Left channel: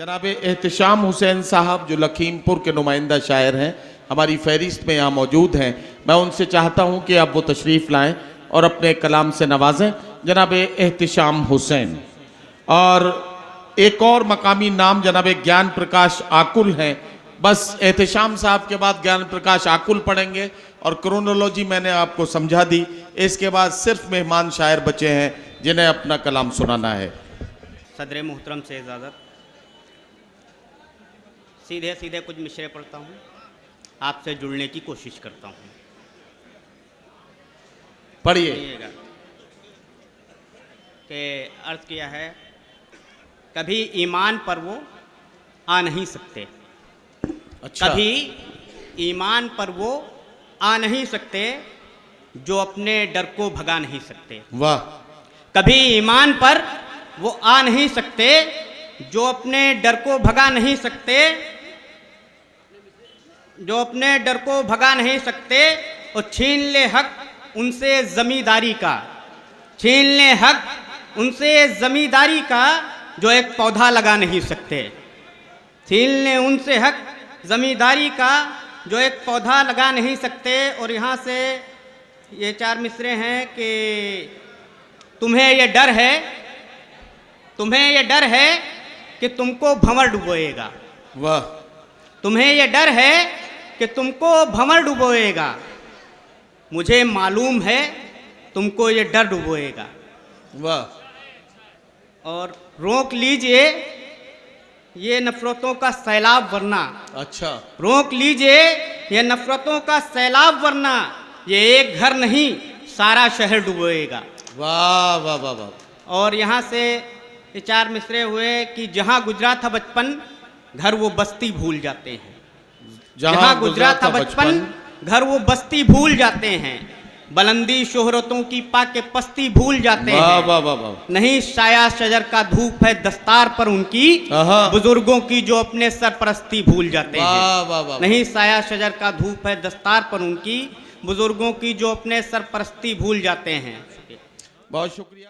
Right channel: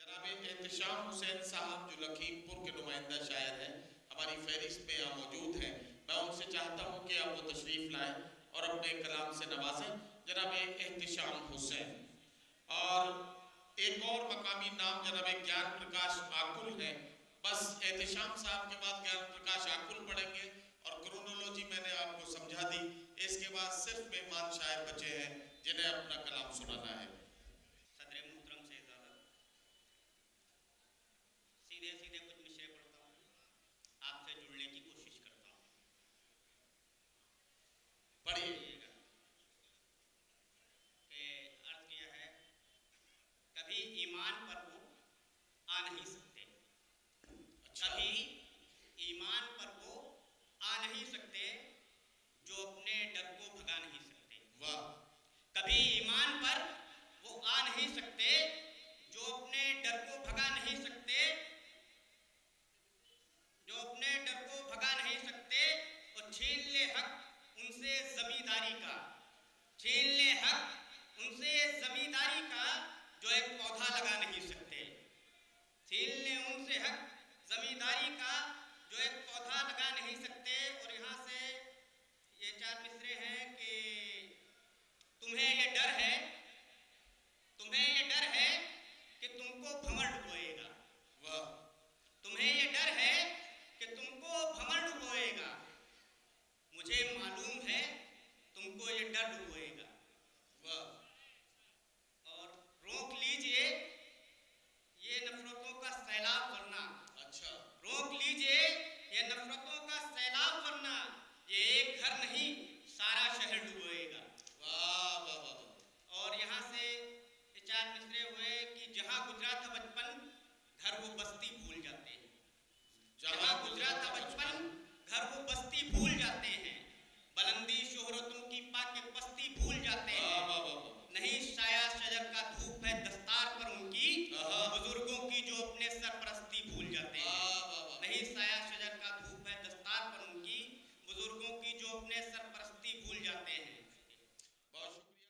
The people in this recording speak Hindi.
जनाब एहतिशाम हुसैन साहब जो लखीमपुर के नुमाइंदा शायर हैं, हमारी फहरिस्त में यहाँ मौजूद हैं। मैं उनसे चाहता हूँ कि आप वो तशरीफ़ लाएँ और अपने कलाम से नवाजें। जनाब एहतिशाम हुसैन। और एक और मकामी नाम जनाब ज्ञान प्रकाश आकुल हैं। बस एहतिशाम साहब के बाद ज्ञान प्रकाश आकुल पढ़ेंगे और क्रोनोलॉजी मैंने आपको समझा दी। इसके बाद सिर्फ मेहमान शायर बचे हैं जिन्हें अपना कलाम सुनाना है। सदर मोहतरम से इजाज़त, सीधे सीधे कुछ मिसरे पढ़ता हूँ, आपसे जुड़ने की कोशिश करता हूँ। पढ़िए। कि अर्ज़ किया है, कभी ईमान पर वो आ नहीं सकते। अच्छा। कभी ईमान पर वो आ नहीं सकते जो अपने डर को भगा नहीं सकते। वाह। कभी ईमान पर वो आ नहीं सकते जो अपने डर को भगा नहीं सकते, जो अपने डर को भगा नहीं सकते। और छीन ले हक उनसे जमींदारी का, छीन ले हक उनसे जमींदारी का जो एक पौधा लगा नहीं सकते। छीन ले उनसे हक जमींदारी का जो एक पौधा लगा नहीं सकते। और यहाँ से ये चार मिसरे हैं कि तुम्हें ये डर है, तुम्हें ये डर है कि तुमको भंवर डुबोएगा। वाह। तुम्हें ये डर है कि तुमको भंवर डुबोएगा, मुझे मालूम है तुमको ये डर डुबोएगा। वाह। और रोक लीजिए ये नफरतों का सैलाब वरना। अच्छा। रोक लीजिए ये नफरतों का सैलाब वरना ये एक घर नहीं सारा शहर डुबोएगा। वाह वाह वाह वाह। और यहाँ से ये चार मिसरे हुए कि जहाँ गुजरा था बचपन घर वो बस्ती भूल जाते हैं। जहाँ गुजरा था बचपन घर वो बस्ती भूल जाते हैं। बुलंदी शोहरतों की पाके पस्ती भूल जाते हैं। वाह वाह वाह। नहीं साया शजर का धूप है दस्तार पर उनकी, बुजुर्गों की जो अपने सरपरस्ती भूल जाते हैं। वाह वाह वाह। नहीं साया शजर का धूप है दस्तार पर उनकी, बुजुर्गों की जो अपने सरपरस्ती भूल जाते हैं। बहुत शुक्रिया।